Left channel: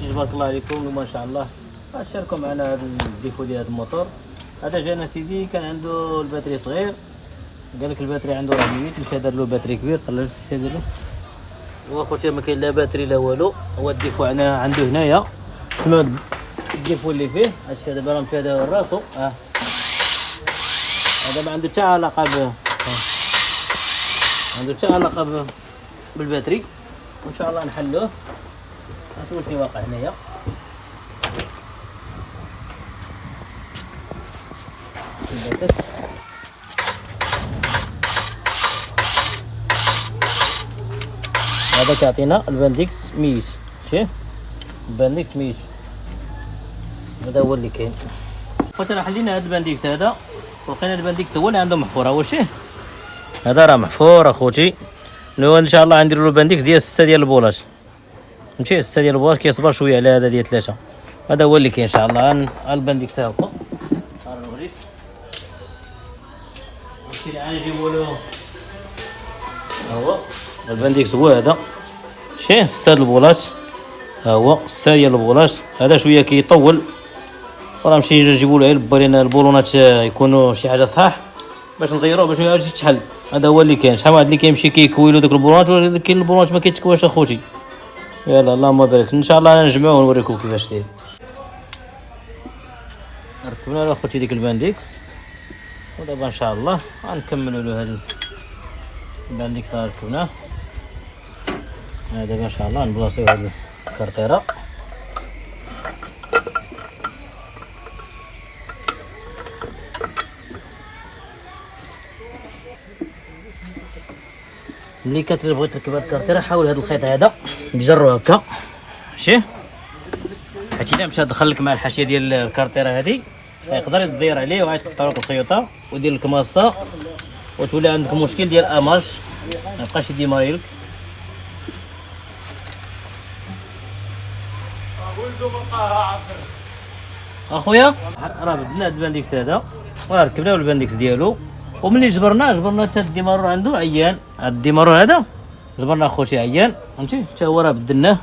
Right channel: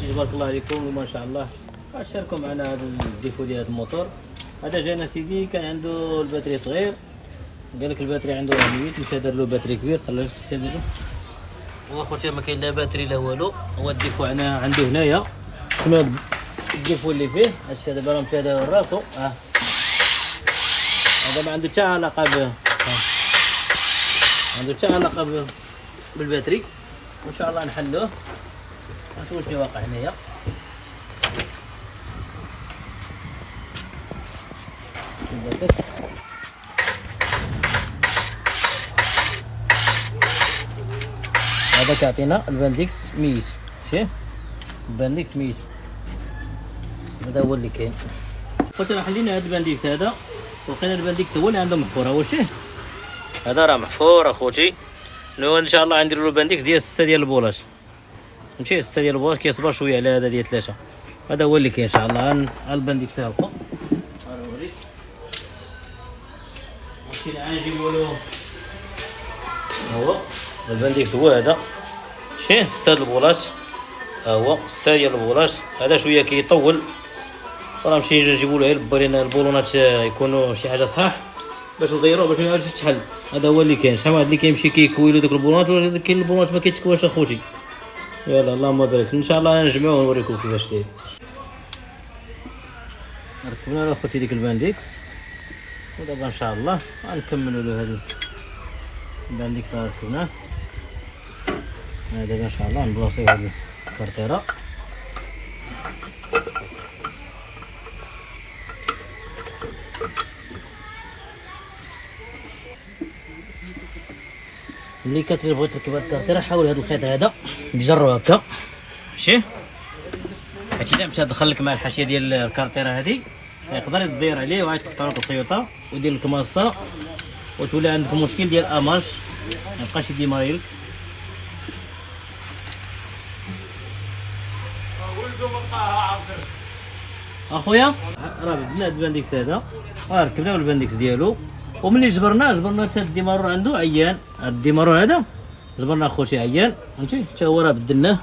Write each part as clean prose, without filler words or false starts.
اخوتي تبارك الله عليكم ما شاء الله غتشاركوا معنا هذا الديفو ديال هذا الموتور. هذا جانا سيدي كان عنده الباتري صغير، قال لك الباتري عنده راه ميت، مشى دار له باتري كبير طلع مشى دار له. واخوتي ما كاين لا باتري لا والو، هو الديفو عنده هنايا شنو الديفو اللي فيه. هادشي دابا راه مشى دار راسو هذا ما عنده حتى علاقه عنده حتى علاقه بالباتري، وان شاء الله نحلوه نشوفوا شنو واقع هنايا. هذا كيعطينا البانديكس ميت، شتي البانديكس ميت هذا هو اللي كاين. خوتي راه حلينا هذا البانديكس هذا ولقينا البانديكس هو اللي عنده محفور. هو شتي هذا راه محفور اخوتي، لو ان شاء الله غنديروا له البانديكس ديال 6 ديال البولات، ماشي 6 ديال البولات، كيصبر شويه على هذا ديال 3. هذا هو اللي كاين ان شاء الله. البانديكس ها هو نوريك هادشي اللي غنجيبو له. هو البانديكس هو هذا، شتي 6 البولات، ها هو 6 ديال البولات. هذا شويه كيطول وراه نمشي نجيبو له البالينا البولونات يكونوا شي حاجه صحاح باش نزيروه باش ما يعاودش يتحل. هذا هو اللي كاين. شحال واحد اللي كيمشي كيكويلو داك البولونات ولكن البولونات ما كيتكواش اخوتي. يلا اللهم بارك، ان شاء الله نجمعوه ونوريكم كيفاش داير. ركبنا له اخوتي ديك البانديكس ودابا ان شاء الله غنكملوا له هذا البانديكس اللي ركبناه. دابا ان شاء الله نبلاصيو هذه الكارطيره. ملي كتبغي تركب هاد الكارطيره حاول هاد الخيط هذا تجرو هكا، ماشي هادشي اللي مشى دخل لك مع الحاشيه ديال الكارطيره هذه يقدر يتزير عليه وغادي تقطع لك الخيوطه ودير لك ماصه وتولي عندك مشكل ديال اماج ما يبقاش يديماري لك. اخويا راه بدنا هاد البانديكس هذا وركبناه البانديكس ديالو، وملي جبرنا حتى الديمارور عنده عيان. هاد الديمارور هذا جبرنا اخوتي عيان فهمتي، حتى هو راه بدلناه.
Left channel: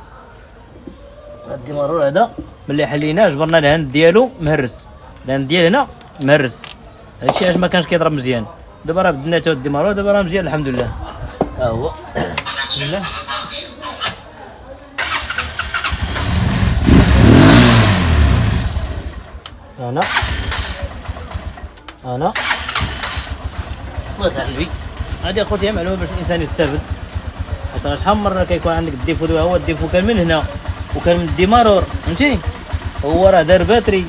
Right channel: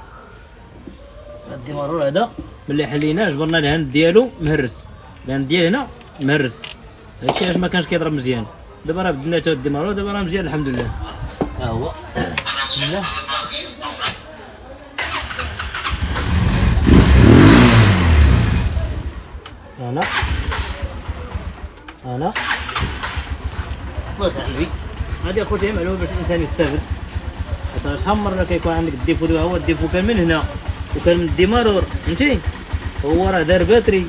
هاد الديمارور هذا ملي حليناه جبرنا الهند ديالو مهرس، الهند ديال هنا مهرس، هادشي علاش ما كانش كيضرب مزيان. دابا راه بدلنا حتى الديمارور دابا راه مزيان الحمد لله. ها هو بسم الله. انا صلات على النبي. هذه اخوتي معلومه باش الانسان يستافد. اصلا شحال من مره كيكون عندك الديفو، هو الديفو كان من هنا وكان من الديمارور فهمتي، هو راه دار باتري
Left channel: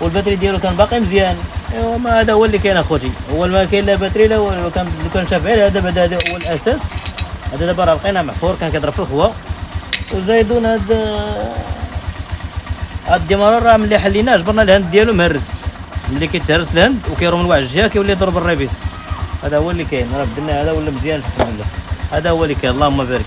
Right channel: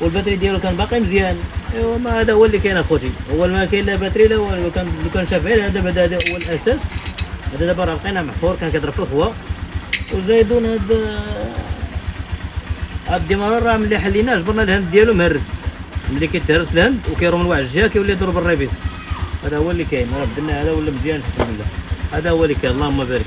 والباتري ديالو كان باقي مزيان. ايوا ما هذا هو اللي كاين اخوتي، هو ما كاين لا باتري لا والو. كان شاف غير هذا بعدا، هذا هو الاساس. هذا دابا راه لقيناه محفور كان كيضرب في الهواء وزايدون هاد الديمارور راه ملي حليناه جبرنا الهند ديالو مهرس. ملي كيتهرس الهند وكيروم لواحد الجهه كيولي يضرب الريبيس. هذا هو اللي كاين. راه بدلنا هذا ولا مزيان الحمد لله. هذا هو اللي كاين اللهم بارك.